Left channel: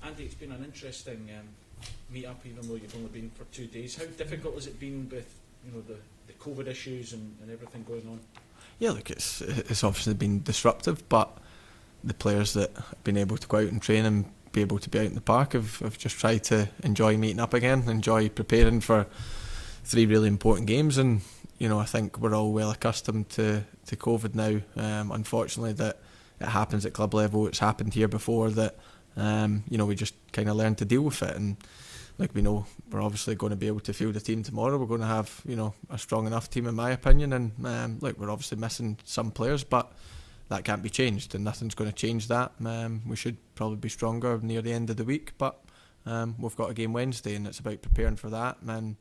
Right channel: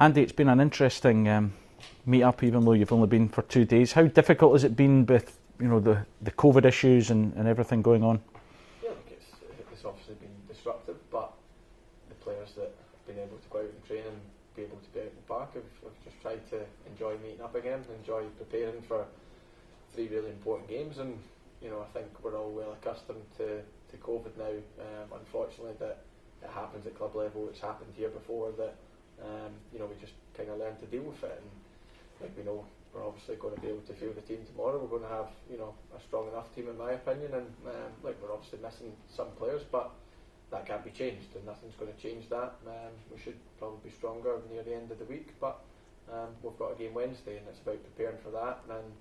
Andy, it's been an interesting meet-up, even though you've only been for 2 days. How difficult has it been with the COVID issues and everything going on? Yeah, look, it's obviously been disruptive, but the players that have been able to go out and train and be able to be out in the park have just tried to enjoy meeting up again, enjoy preparing for 3 really important games. And I think we're all well accustomed to COVID now. Unfortunately, that it happens at club level. It's happened here before. That we just kind of learn to deal with it. And like we know, we're obviously going to be able to field a team tomorrow. We're going to have a strong enough team, in my opinion. And we're obviously missing some players, but that can't be changed, and nothing's going to change that. We should probably be stronger near the end of the week, but we've got a game Wednesday, and it's about preparing for that. And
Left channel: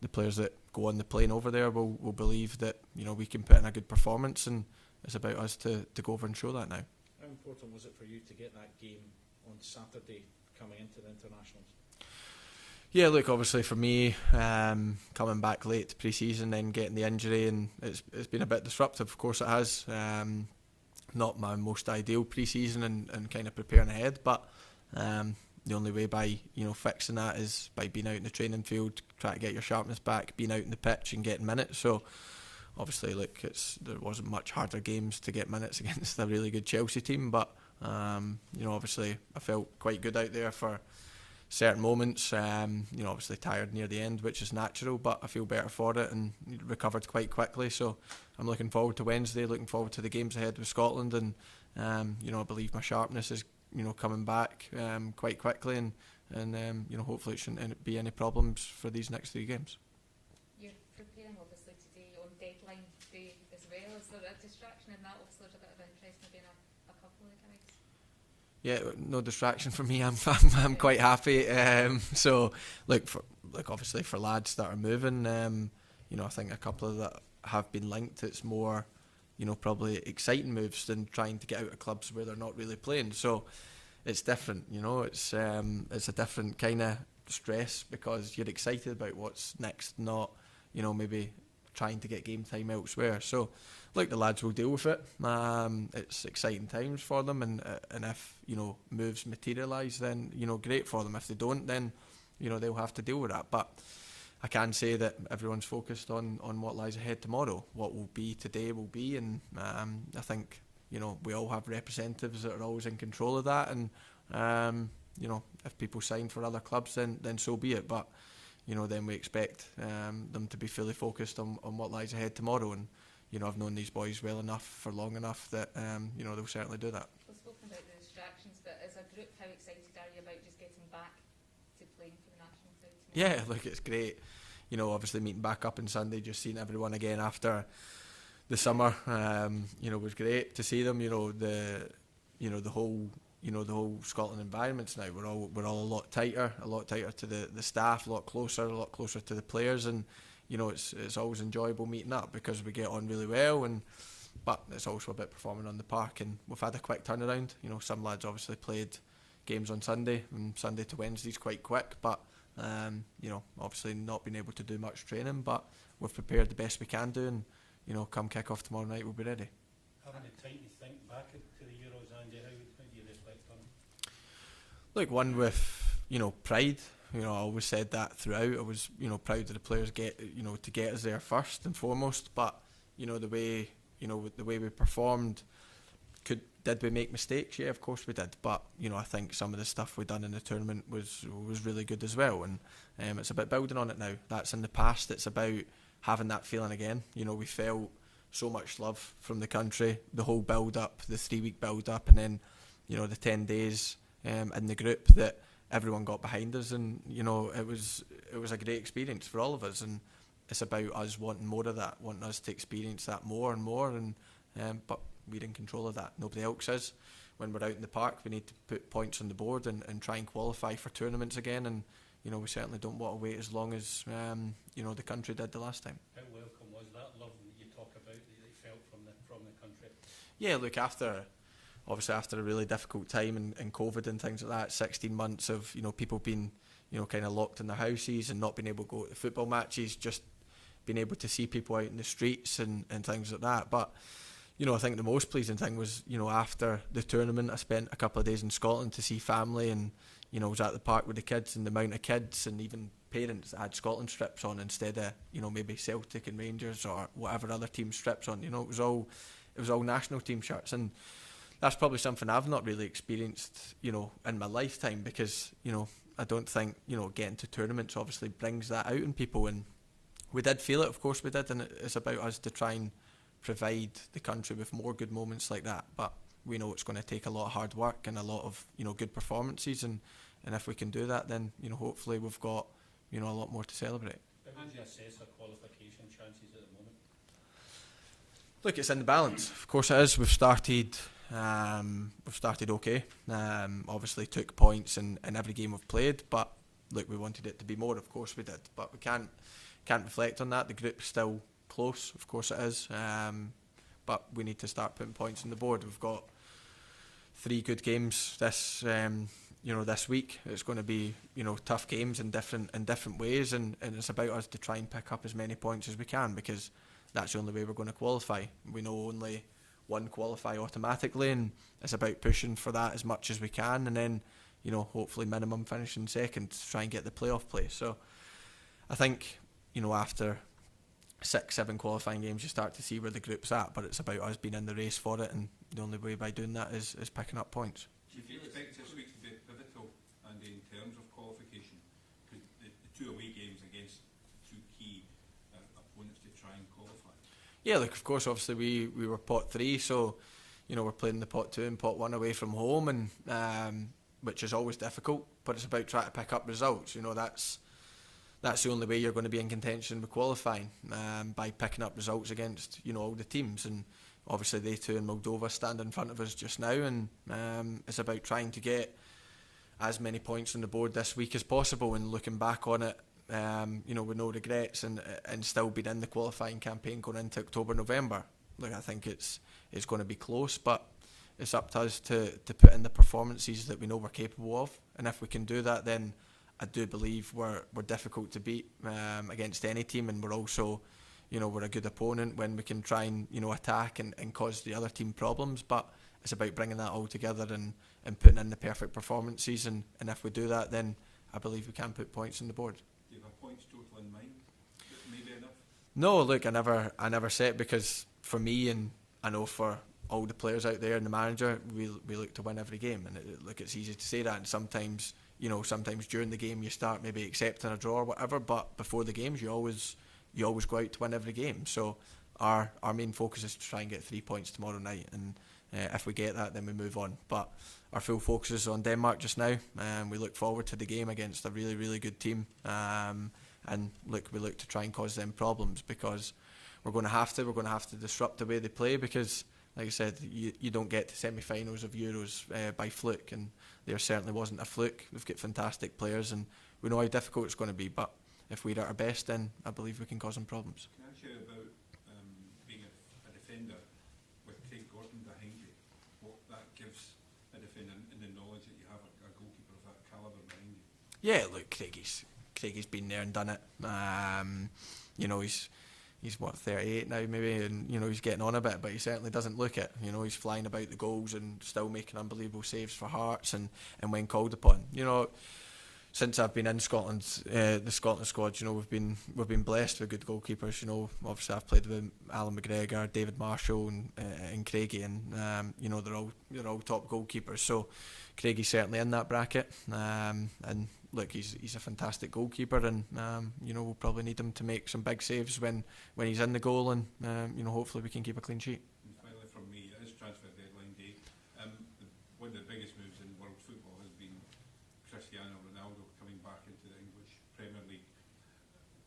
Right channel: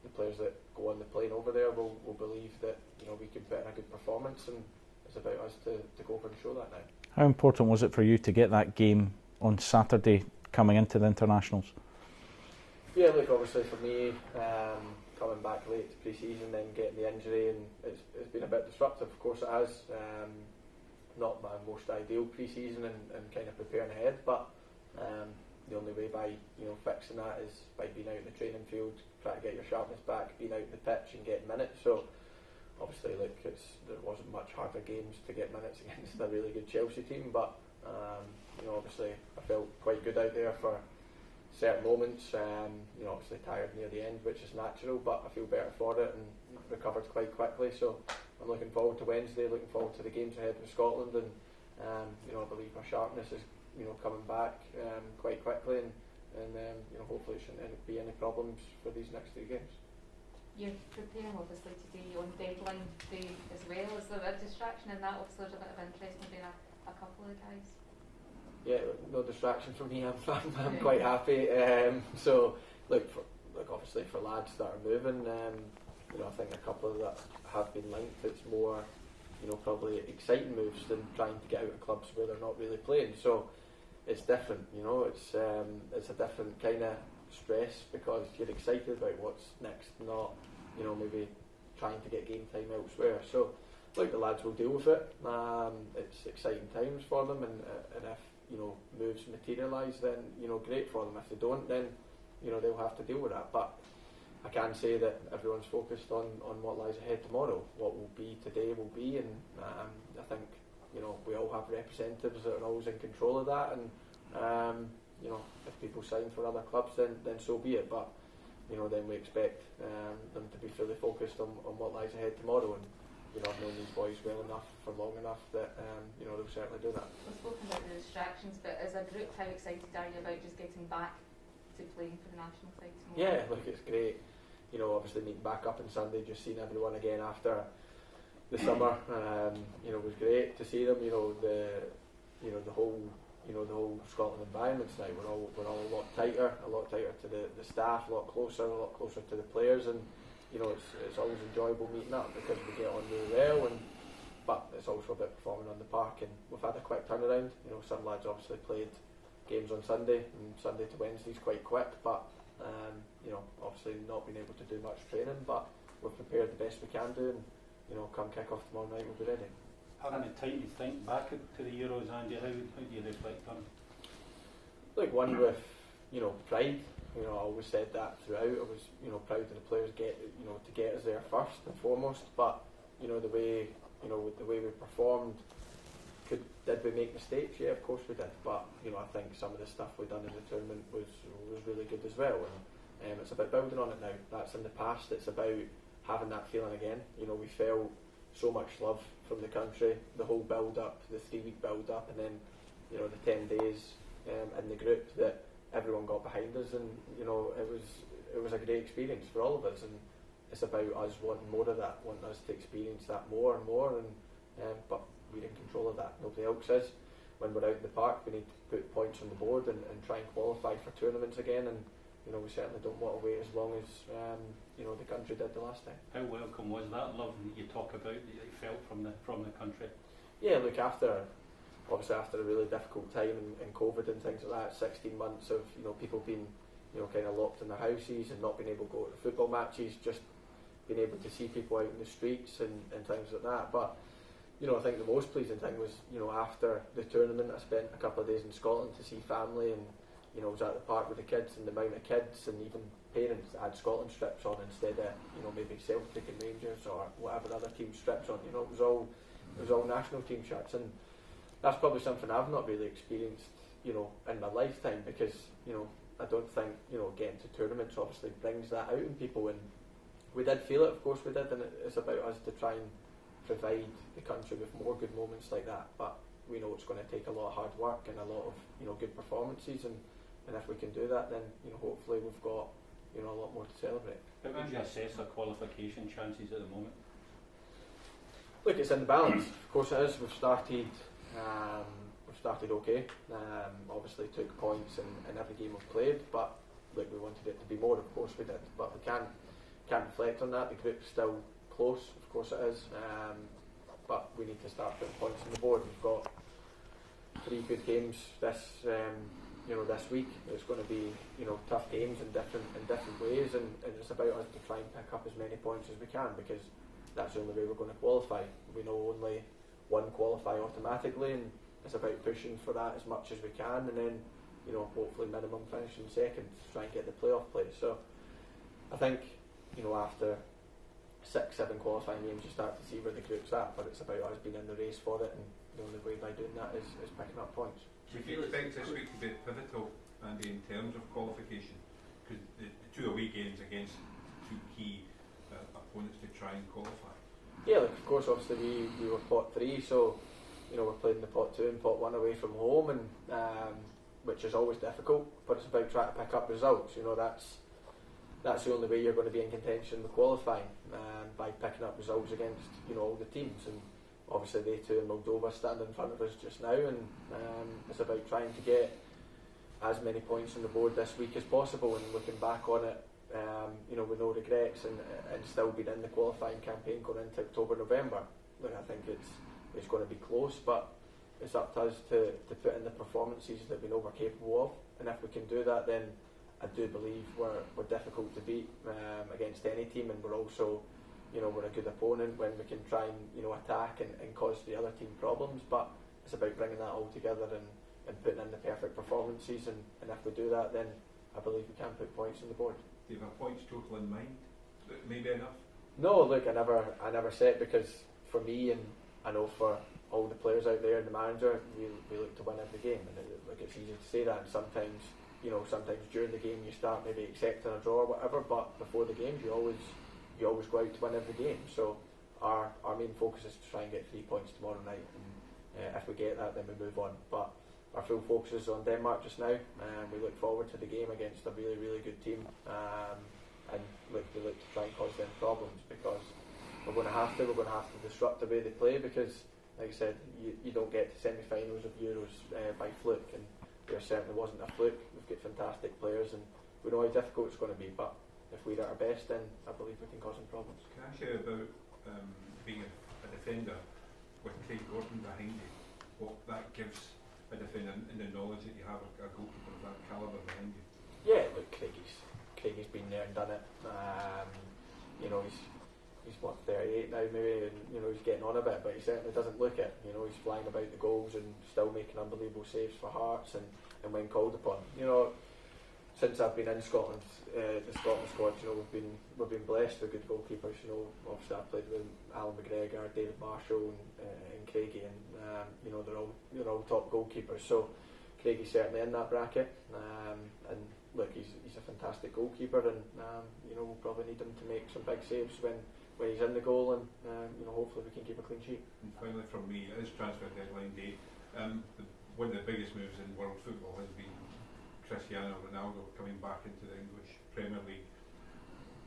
the players that go on the plane over there will believe that we can put in a good performance, and it's about us to go over and show that now. How important was it for you to get that game on Saturday coming into the internationals? Yeah, look, obviously for me, coming back late to pre-season, then getting the injury, and it's been a bit disruptive. Of course, it has. Not my most ideal pre-season and kind of preparing ahead, but the only way by fixing that is by being out in the training field, try to get your sharpness back, being out in the pitch and getting minutes. So obviously, look, there wasn't much harder games to get minutes against a really good Chelsea team, but obviously I felt quite good out there for certain moments. Obviously tired near the end, which is natural, but I feel better for it and recovered quite quickly. So I'm looking forward to Wednesday, looking forward to the games ahead with Scotland, and I believe my sharpness is coming back quite quickly, and hopefully it shouldn't be any problems for these next 3 games. You're preparing obviously today on deadline day as well. Is there a distraction in that? Obviously there's a bit of interest in doing a couple of guys. Yeah, no distraction for me. I'm quite happy. So obviously for lads that are moving, I think a couple of that have been linked. It's more, probably exciting moves than trying to get out of clubs where they're not really playing. So it's different. It's a different kind of stress because you're excited about what's next, not maybe trying to get game time elsewhere. So the lads will deal with it. It's exciting times for them, and if moves materialise, then great for them. If they don't, then they'll have to deal with that. But I can say that everyone's focused on what lies ahead tomorrow. What will be today will be, and I think we all have representatives that are always in control of that. And if people sign for other clubs, then so be it. But then we expect them to be fully focused on what lies ahead tomorrow. And I've known these boys well enough for long enough that they'll certainly do that. We've spoken about the distractions, but as a group, how excited are you about just getting back to playing for the national side tomorrow? Yeah, it's great. Obviously meeting back up on Sunday, just seeing everyone again after the summer. It was great to see them. The whole Scotland environments now. We're all a lot tighter to the staff, a lot closer to the players, and it's always enjoyable meeting up because we get on really well, but it's also a bit performing on the park, and we've had a quick turnaround. Some lads obviously played games on Sunday, and Sunday to Wednesday's quite quick, but obviously not been able to do much training, but we've prepared the best we can do, and come kick off tomorrow night we'll be ready. Having a time to think back to the Euros, Andy, how do you reflect on it? One with pride. I always said that throughout. I was proud of the players to get us there first and foremost. But the way we performed, did we make mistakes? Yeah, of course we did. But I think some of the stuff we done in the tournament was really good as well. And it's about building on it now. That's in the past. It's about having that feeling again. We felt so much love from the country, the whole build up, the 3-week build up, and then the 10 days in the group that everyone got behind us, and it was a great experience for all of us, and it's about us wanting more of that, wanting us to experience that more and more, and but we're in control of that. Nobody else is. When we're out in the park, we need to put points on the board and try and qualify for tournaments again, and we certainly don't want to wait as long as the country did the last time. How welcome was that love that you talk about that you felt from the country? Yeah, look, after a really difficult time in COVID and things like that, 16 months of people being kind of locked in their houses and not being able to go to football matches, just being able to see people out in the streets and things like that. But I think the most pleasing thing was after the tournament I spent a couple of days in Scotland to see family and you know, was at the park with the kids, and the amount of kids and even parents that had Scotland strips on instead of, you know, maybe Celtic and Rangers or whatever other team strips on. You know, it was all national team shirts, and that's probably something I've not really experienced, you know, in my lifetime, because, you know, I don't think, you know, getting to tournaments obviously brings that out in people, and we did feel it, of course we did, and it's about us to try and provide the country with more good moments like that. But we know it's going to take a lot of hard work and a lot of, you know, good performances, and if we can do that, then, you know, hopefully we've got, you know, a lot more to celebrate. How would you assess our qualification chances at the moment? Look, it's in the balance. Of course it is. We've started okay. Obviously took points in every game we've played, but look, we wanted it to be more. Of course we did, but we can't reflect on that. The group's still close. Of course it is. But we need to start putting points on the board. We've got 3 good games this week. It's going to be, you know, tough games in different ways, and it's about us to try and pick up as many points as we can, because that's the only way we're going to qualify. We know only one qualify automatically, and it's about pushing for that as much as we can, and then, you know, hopefully minimum finishing second to try and get the playoff place. So I think, you know, after 6-7 qualifying games you start to see where the group's at, but it's about us being in the race for it, and the only way by doing that is picking up points. Do you expect this week to be pivotal, Andy, in terms of qualification? Because the 2 away games against 2 key opponents to try and qualify. Yeah, look, of course, obviously we were pot 3, so, you know, we're playing the pot 2 and pot 1 away from home, and which is always difficult, but it's about trying to pick up results. You know, that's the only way you're going to be in contention with qualifying, by picking up results against, you know, all the teams. And obviously they too in Moldova stand in front of us just now, and it's about trying to get as many points on the board this week as possible, and looking back on it, you know, with no regrets, and still being in the qualifying campaign going into October, November. Look, I think it's going to be close, but it's up to us to put in the performances that we know we're capable of, and if we can do that, then I do believe we're difficult to beat against any team, and we're also, you know, we're a good opponent when we can try and, you know, attack and cause the other team problems. But it's about bringing that all together and putting in the perfect performances, and if we do that, then I believe we can put points on the board. Do you have a points total in mind? Maybe enough? No, look, I never set, because for me, and I know for all the players out there and the manager, we look to win every game, and look, it's easy to say that, and sometimes, you know, sometimes during the game you start maybe accepting a draw or whatever, but before the games you always go out to win every game. So our main focus is to try and get 3 points tomorrow night, and if we get that, then we move on. But our full focus is on Denmark just now, and we look forward to the game against a really, really good team, and look, we look to try and cause them problems, because we're going to have to disrupt the way they play, because like I said, you don't get to semi-finals of Euros by fluke, and there certainly wasn't a fluke. We've got fantastic players, and we know how difficult it's going to be, but if we're at our best, then I believe we can cause them problems. Can I ask you about being a defender with Craig Gordon behind you? What that gives a defender, and the knowledge that you have a goalkeeper of that calibre behind you? Yeah, look, Craigie's been there and done it. You know, he's what, 38 now maybe, and you know, he's getting on a bit, but he certainly doesn't look it. You know, he's flying about the goals and still making unbelievable saves for Hearts, and when called upon. You know, since I've been in Scotland, the Scotland squad, you know, we've been blessed with good goalkeepers. You know, obviously I've played with Alan McGregor, David Marshall, and Craigie, and you know, they're all top goalkeepers. So Craigie's certainly in that bracket, and look, he's a fantastic goalkeeper, and you know, we'll probably need him to make some big saves when he's in the goal, and you know, hopefully we can keep a clean sheet. And finally, from me, it is transfer deadline day. One of the biggest moves in world football has been Cristiano Ronaldo coming back into the English Premier League.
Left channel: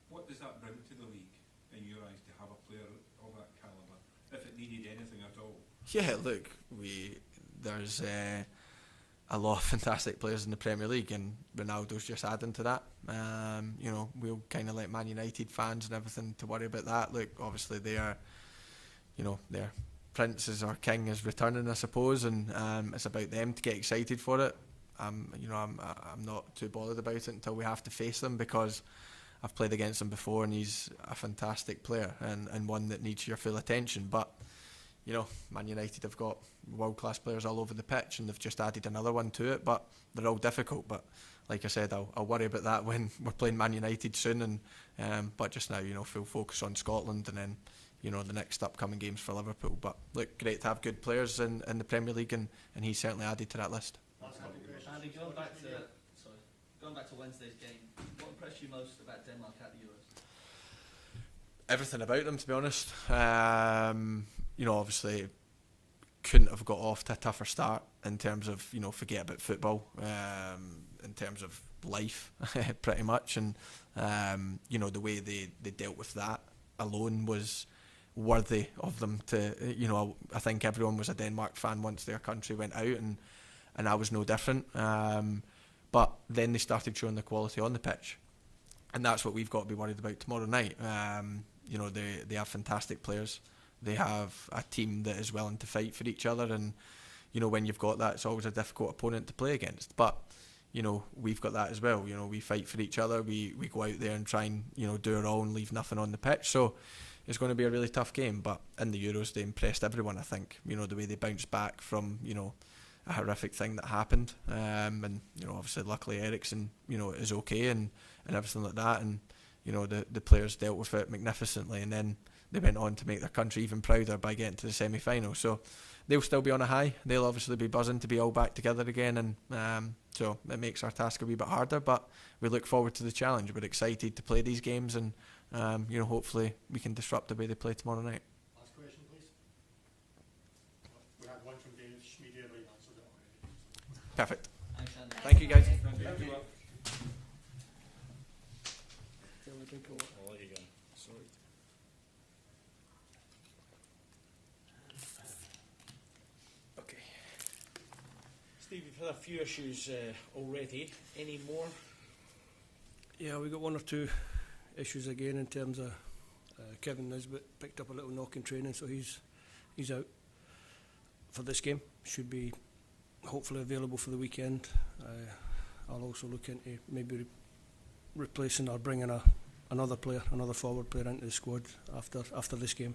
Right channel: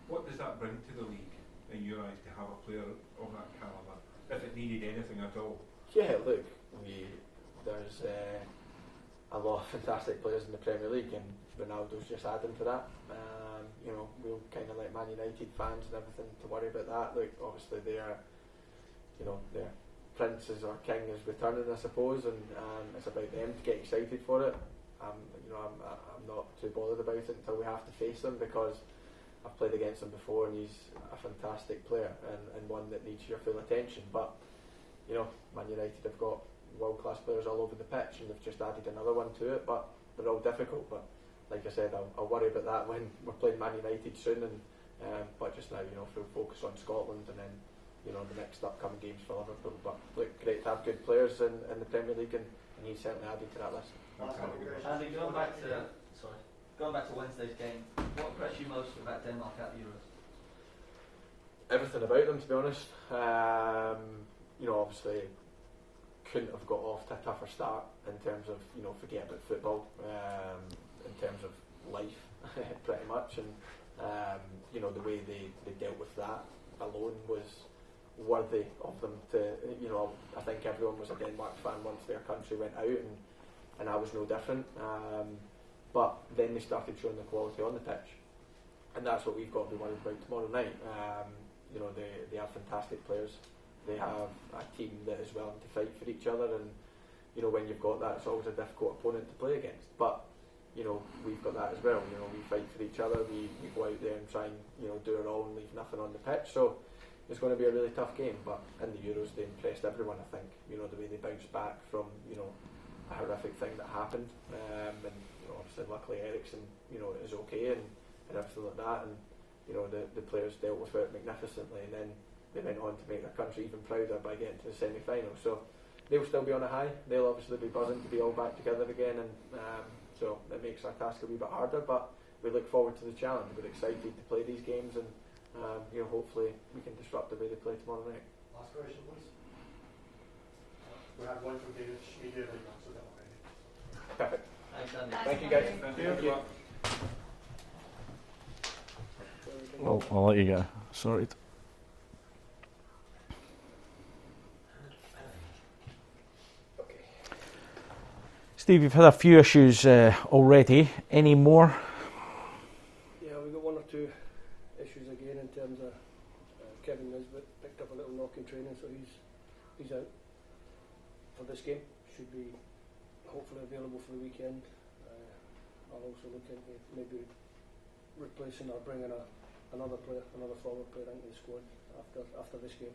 What does that bring to the league, in your eyes, to have a player of that calibre, if it needed anything at all? Yeah, look, there's a lot of fantastic players in the Premier League, and Ronaldo's just adding to that. You know, we'll kind of let Man United fans and everything to worry about that. Look, obviously their prince or king is returning, I suppose, and it's about them to get excited for it. You know, I'm not too bothered about it until we have to face them, because I've played against him before, and he's a fantastic player, and one that needs your full attention. But you know, Man United have got world-class players all over the pitch, and they've just added another one to it, but they're all difficult. But like I said, I'll worry about that when we're playing Man United soon, and but just now, you know, full focus on Scotland, and then, you know, the next upcoming games for Liverpool. But look, great to have good players in the Premier League, and he's certainly added to that list. Andy, going back to Wednesday's game, what impressed you most about Denmark at the Euros? Everything about them, to be honest. You know, obviously couldn't have got off to a tougher start in terms of, you know, forget about football, in terms of life, pretty much, and you know, the way they dealt with that alone was worthy of them to, you know, I think everyone was a Denmark fan once their country went out, and I was no different. But then they started showing the quality on the pitch, and that's what we've got to be worried about tomorrow night. You know, they have fantastic players. They have a team that is willing to fight for each other, and you know, when you've got that, it's always a difficult opponent to play against. But you know, we've got that as well. You know, we fight for each other. We go out there and try and, you know, do our all and leave nothing on the pitch. So it's going to be a really tough game. But in the Euros, they impressed everyone, I think. You know, the way they bounced back from, you know, a horrific thing that happened. And, you know, obviously, luckily, Ericsson, you know, is okay and everything like that. And, you know, the players dealt with it magnificently. And then they went on to make their country even prouder by getting to the semi-final. So they'll still be on a high. They'll obviously be buzzing to be all back together again, and so it makes our task a wee bit harder, but we look forward to the challenge. We're excited to play these games, and you know, hopefully we can disrupt the way they play tomorrow night. Last question, please. We had one from David Schmid earlier, so don't worry. Perfect. Thanks, Andy. Thank you, guys. Thank you. I'll let you go. Sorry. Steve, you've had a few issues already. Any more? Yeah, we got one or two issues again in terms of Kevin Nisbet picked up a little knock in training, so he's out for this game. Should be hopefully available for the weekend. I'll also look into maybe replacing or bringing another forward player into the squad after this game.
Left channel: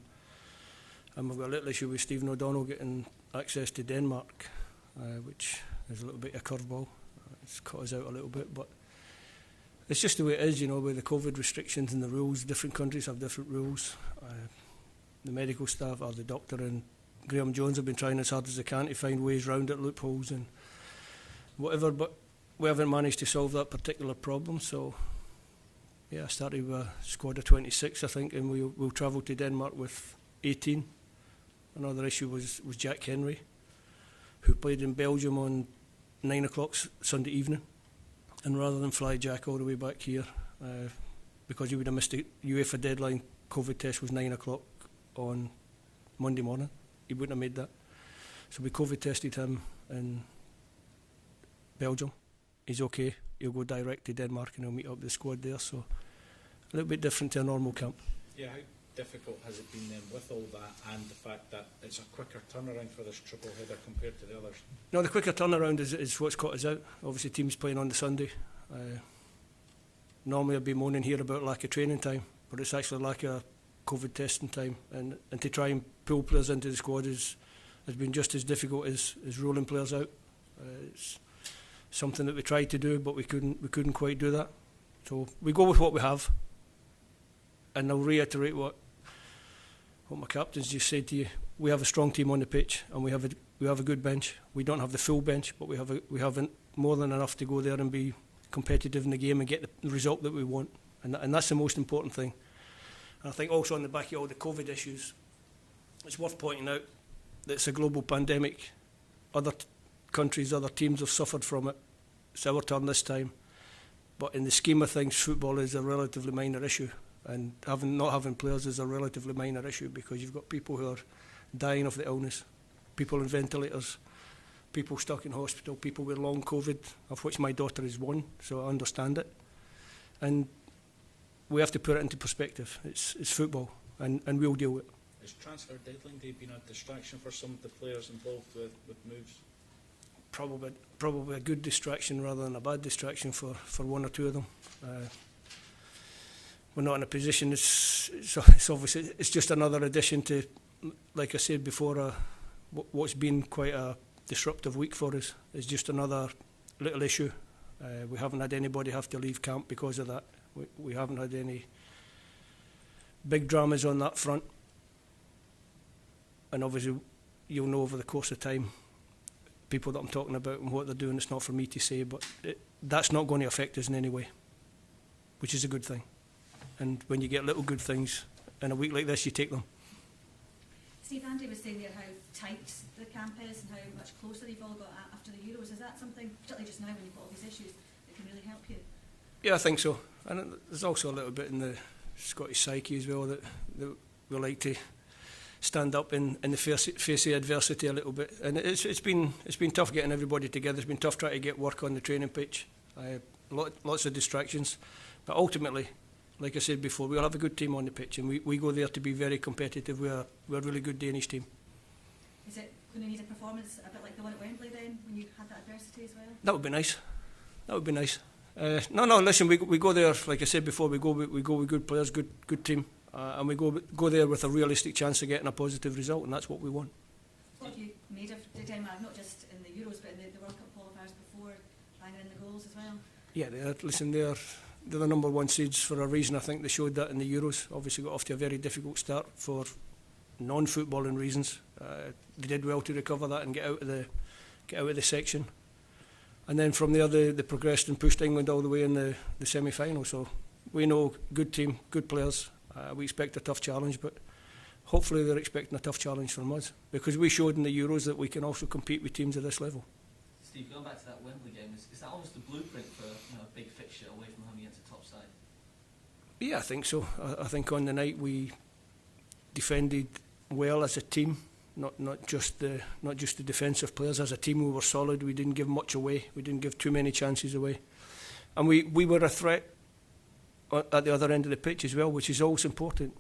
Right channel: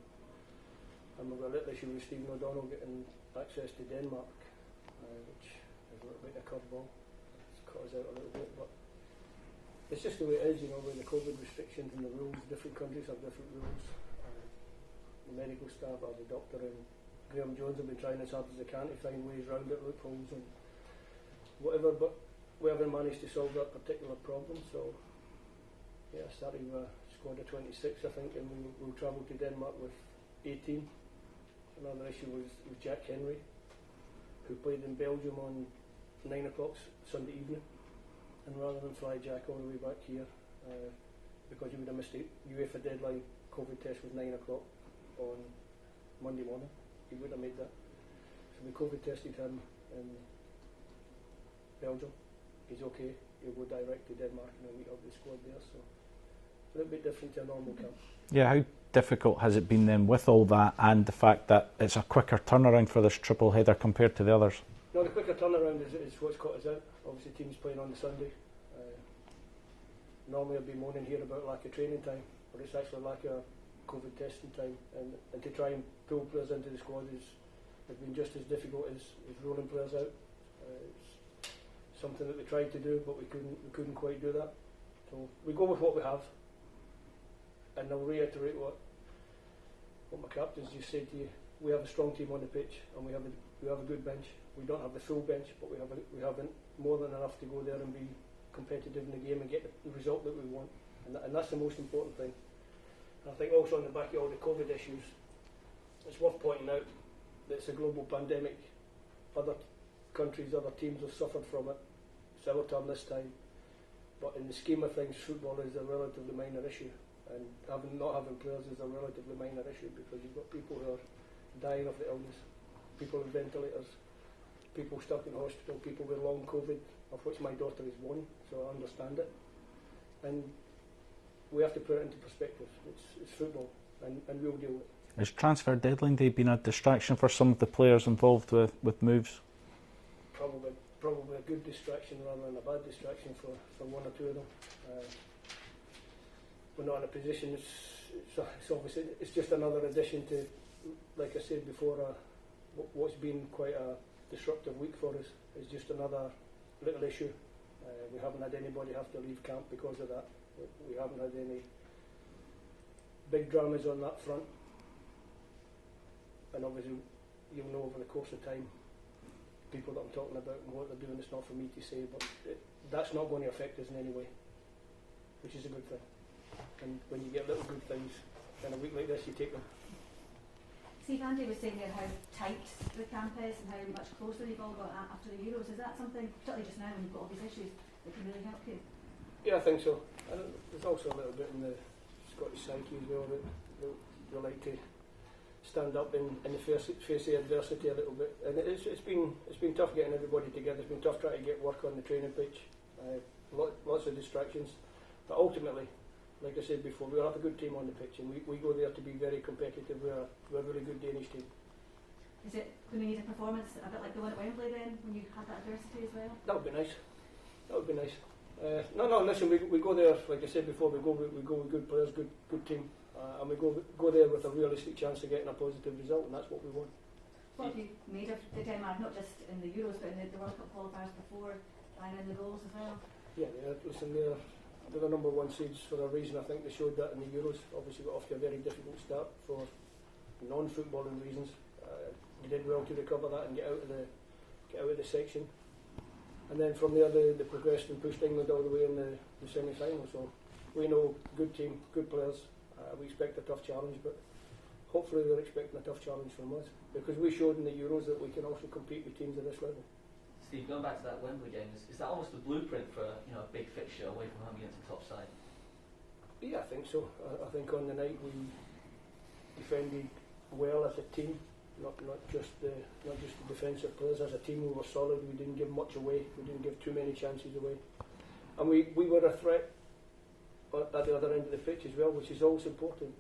And we've got a little issue with Stephen O'Donnell getting access to Denmark, which is a little bit of a curveball. It's caught us out a little bit, but it's just the way it is, you know, with the COVID restrictions and the rules. Different countries have different rules. The medical staff, or the doctor and Graham Jones, have been trying as hard as they can to find ways round it, loopholes and whatever, but we haven't managed to solve that particular problem. So yeah, I started with a squad of 26, I think, and we'll travel to Denmark with 18. Another issue was Jack Henry, who played in Belgium on 9 o'clock Sunday evening, and rather than fly Jack all the way back here, because he would have missed the UEFA deadline, COVID test was 9 o'clock on Monday morning, he wouldn't have made that. So we COVID tested him in Belgium. He's okay, he'll go direct to Denmark and he'll meet up with the squad there, so a little bit different to a normal camp. Yeah, how difficult has it been then with all that and the fact that it's a quicker turnaround for this triple header compared to the others? No, the quicker turnaround is what's caught us out. Obviously teams playing on the Sunday. Normally I'd be moaning here about lack of training time, but it's actually lack of COVID testing time, and to try and pull players into the squad has been just as difficult as ruling players out. It's something that we tried to do, but we couldn't quite do that. So we go with what we have, and I'll reiterate what my captains just said to you. We have a strong team on the pitch, and we have a good bench. We don't have the full bench, but we have more than enough to go there and be competitive in the game and get the result that we want, and that's the most important thing. And I think also on the back of all the COVID issues, it's worth pointing out that it's a global pandemic. Other countries, other teams have suffered from it. It's our turn this time, but in the scheme of things, football is a relatively minor issue, and not having players is a relatively minor issue, because you've got people who are dying of the illness, people on ventilators, people stuck in hospital, people with long COVID, of which my daughter is one, so I understand it. And we have to put it into perspective. It's football, and we'll deal with it. Has transfer deadline day been a distraction for some of the players involved with moves? Probably a good distraction rather than a bad distraction for one or two of them. We're not in a position. It's obviously it's just another addition to like I said before, what's been quite a disruptive week for us is just another little issue. We haven't had anybody have to leave camp because of that. We haven't had any big dramas on that front. And obviously, you'll know over the course of time, people that I'm talking about and what they're doing, it's not for me to say, but that's not going to affect us in any way, which is a good thing. And when you get little good things in a week like this, you take them. Steve, Andy was saying there how tight the camp is and how much closer they've all got after the Euros. Is that something, particularly just now when you've got all these issues, that can really help you? Yeah, I think so. And there's also a little bit in the Scottish psyche as well that we like to stand up in the face of adversity a little bit. And it's been tough getting everybody together. It's been tough trying to get work on the training pitch. Lots of distractions. But ultimately, like I said before, we'll have a good team on the pitch, and we go there to be very competitive. We're a really good Danish team. Is it going to need a performance a bit like the one at Wembley then, when you had that adversity as well? That would be nice. That would be nice. No, listen, we go there, like I said before, we go with good players, good team, and we go there with a realistic chance of getting a positive result, and that's what we want. What have you made of Denmark, not just in the Euros, but in the World Cup qualifiers before, banging in the goals as well? Yeah, they're the number one seeds for a reason. I think they showed that in the Euros. Obviously got off to a very difficult start for non-footballing reasons. They did well to recover that and get out of the section. And then from there they progressed and pushed England all the way in the semi-final. So we know, good team, good players. We expect a tough challenge, but hopefully they're expecting a tough challenge from us, because we showed in the Euros that we can also compete with teams of this level. Steve, going back to that Wembley game, is that almost the blueprint for a big fixture away from home against the top side? Yeah, I think so. I think on the night we defended well as a team, not just the defensive players. As a team, we were solid. We didn't give much away. We didn't give too many chances away, and we were a threat at the other end of the pitch as well, which is always important.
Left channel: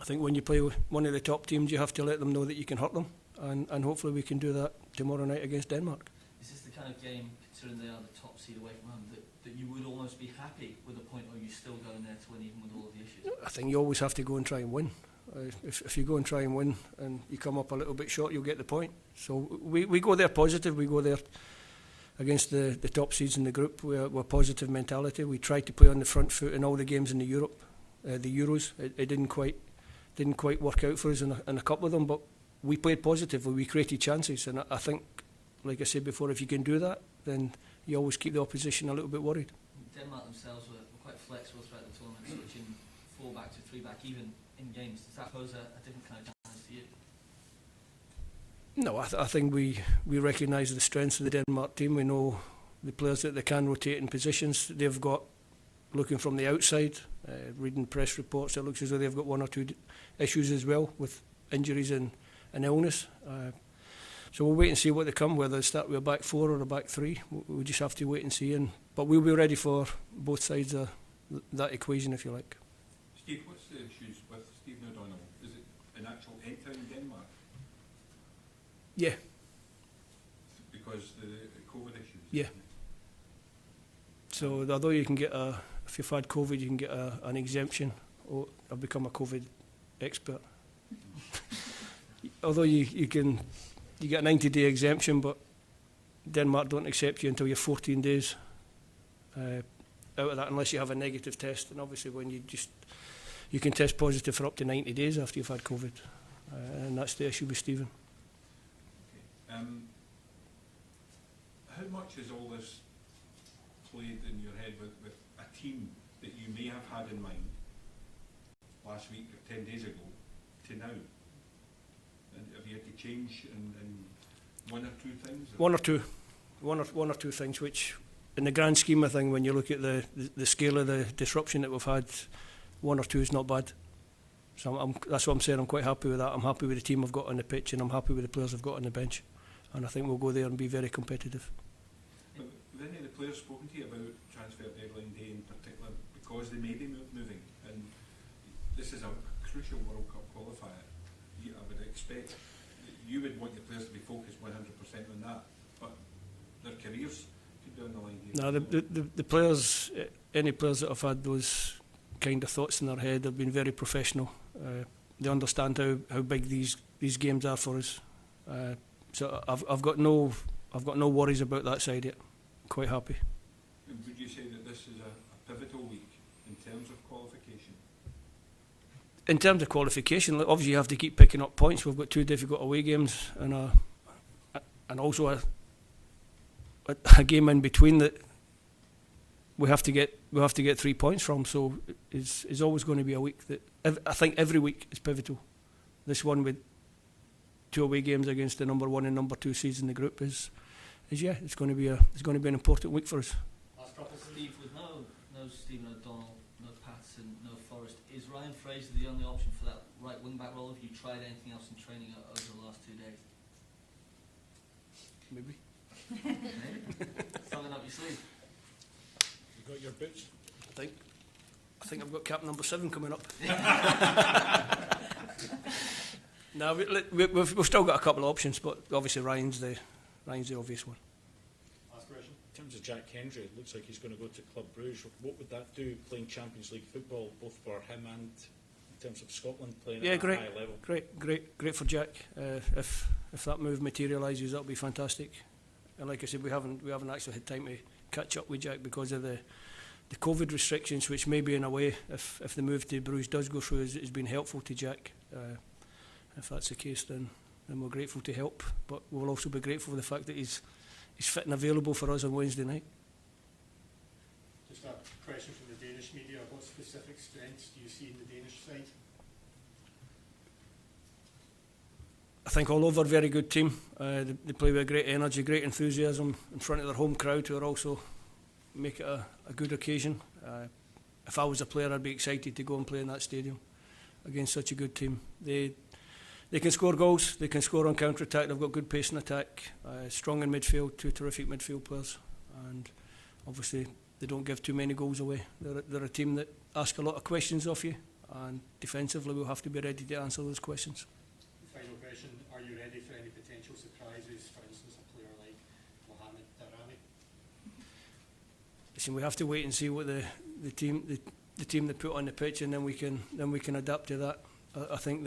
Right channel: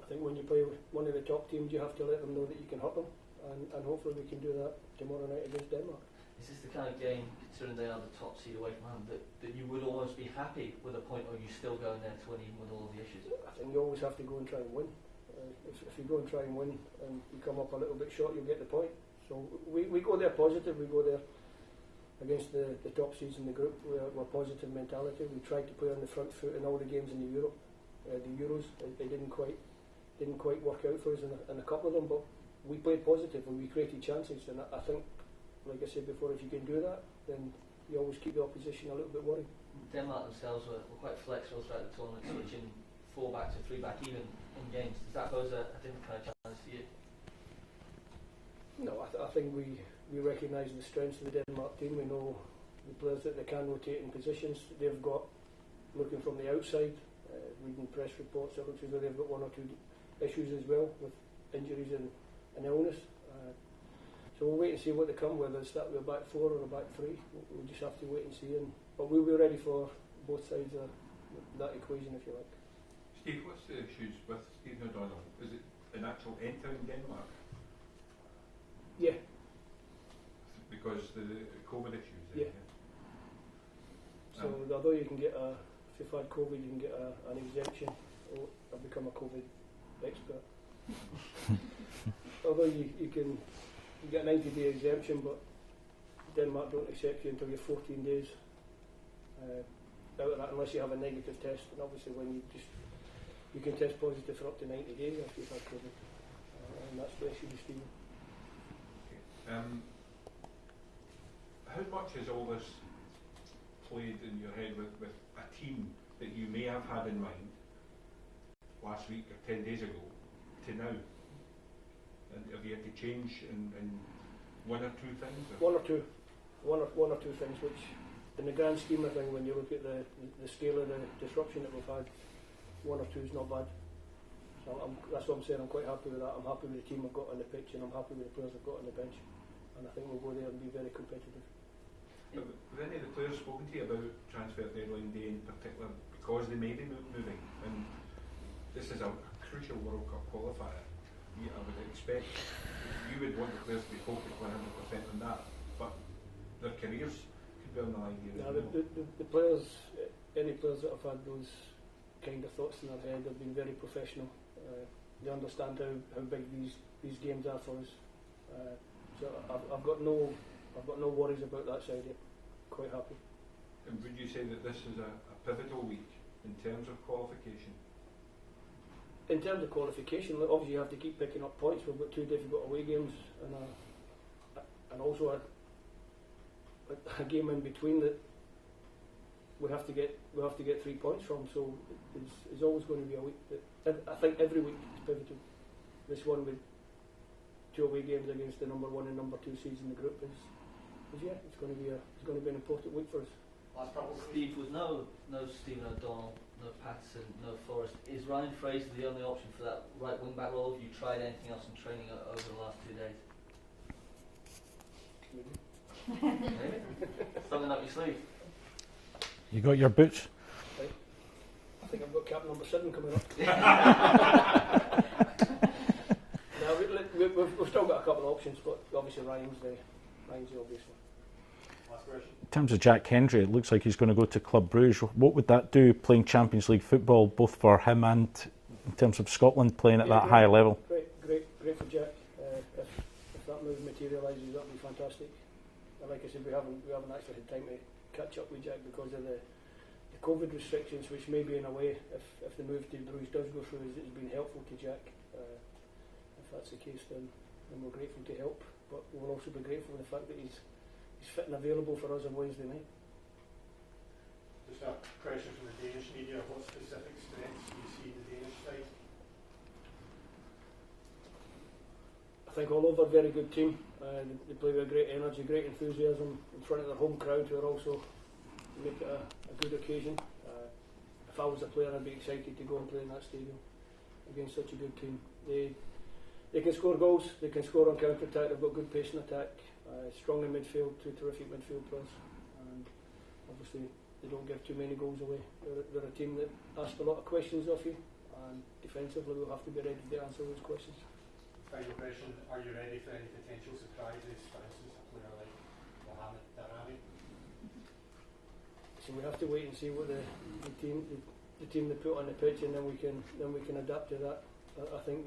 I think when you play with one of the top teams, you have to let them know that you can hurt them, and hopefully we can do that tomorrow night against Denmark. Is this the kind of game, considering they are the top seed away from home, that you would almost be happy with a point, or are you still going there to win even with all of the issues? I think you always have to go and try and win. If you go and try and win and you come up a little bit short, you'll get the point. So we go there positive. We go there against the top seeds in the group. We're positive mentality. We tried to play on the front foot in all the games in the Euros. It didn't quite work out for us in a couple of them, but we played positively. We created chances, and I think, like I said before, if you can do that, then you always keep the opposition a little bit worried. Denmark themselves were quite flexible throughout the tournament, switching 4-back to 3-back, even in games. Does that pose a different kind of challenge to you? No, I think we recognise the strengths of the Denmark team. We know the players that they can rotate in positions. They've got, looking from the outside, reading press reports, it looks as though they've got one or two issues as well with injuries and illness. So we'll wait and see what they come, whether they start with a back four or a back three. We just have to wait and see. But we'll be ready for both sides of that equation, if you like. Steve, what's the issues with Steve O'Donnell? Is it an actual entering Denmark? Yeah. Because the COVID issues? Yeah. So although you can get if you've had COVID, you can get an exemption. Or I've become a COVID expert. Although you get a 90-day exemption, but Denmark don't accept you until you're 14 days out of that, unless you have a negative test. And obviously, when you can test positive for up to 90 days after you've had COVID, and that's the issue with Stephen. How much has all this played in your head with a team that you may have had in mind last week or 10 days ago to now? And have you had to change in one or two things? One or two things, which in the grand scheme of things, when you look at the scale of the disruption that we've had, one or two is not bad. So that's what I'm saying. I'm quite happy with that. I'm happy with the team I've got on the pitch, and I'm happy with the players I've got on the bench. And I think we'll go there and be very competitive. Have any of the players spoken to you about transfer deadline day in particular, because they may be moving? And this is a crucial World Cup qualifier. I would expect you would want the players to be focused 100% on that, but their careers could be on the line. No, the players, any players that have had those kind of thoughts in their head have been very professional. they understand how big these games are for us. So I've got no worries about that side yet. Quite happy. And would you say that this is a pivotal week in terms of qualification? In terms of qualification, obviously you have to keep picking up points. We've got 2 difficult away games and also a game in between that we have to get 3 points from. So it's always going to be a week that I think every week is pivotal. This one with 2 away games against the number 1 and number 2 seeds in the group is it's going to be an important week for us. Last couple, Steve, with no Stephen O'Donnell, no Patterson, no Forrest, is Ryan Fraser the only option for that right wing back role? Have you tried anything else in training over the last 2 days? Maybe. Something up your sleeve. You got your boots? I think I've got cap number 7 coming up. No, we've still got a couple of options, but obviously Ryan's the obvious one. last question. In terms of Jack Hendry, it looks like he's going to go to Club Bruges. What would that do, playing Champions League football, both for him and in terms of Scotland playing at that great, high level? Great for Jack. If that move materialises, that'll be fantastic. And like I said, we haven't actually had time to catch up with Jack because of the COVID restrictions, which may be in a way, if the move to Bruges does go through, has been helpful to Jack. If that's the case, then we're grateful to help, but we'll also be grateful for the fact that he's fit and available for us on Wednesday night. Just a question from the Danish media. What specific strengths do you see in the Danish side? I think all over very good team. They play with great energy, great enthusiasm in front of their home crowd, who are also make it a good occasion. If I was a player, I'd be excited to go and play in that stadium against such a good team. They can score goals, they can score on counter-attack, they've got good pace in attack, strong in midfield, 2 terrific midfield players, and obviously they don't give too many goals away. They're a team that ask a lot of questions of you, and defensively we'll have to be ready to answer those questions. Final question, are you ready for any potential surprises, for instance a player like Mohamed Darami? Listen, we have to wait and see what the team they put on the pitch, and then we can adapt to that. I think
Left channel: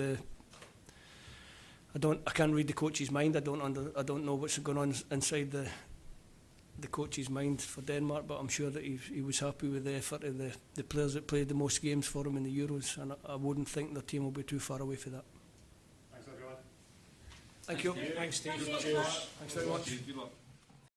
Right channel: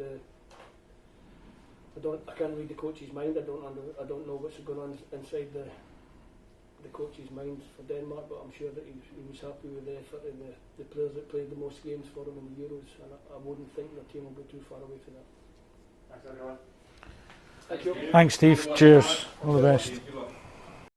I can't read the coach's mind. I don't know what's going on inside the coach's mind for Denmark, but I'm sure that he was happy with the effort of the players that played the most games for him in the Euros, and I wouldn't think their team will be too far away for that. Thanks everyone. Thank you. Thanks, Steve. Cheers. All the best. Good luck.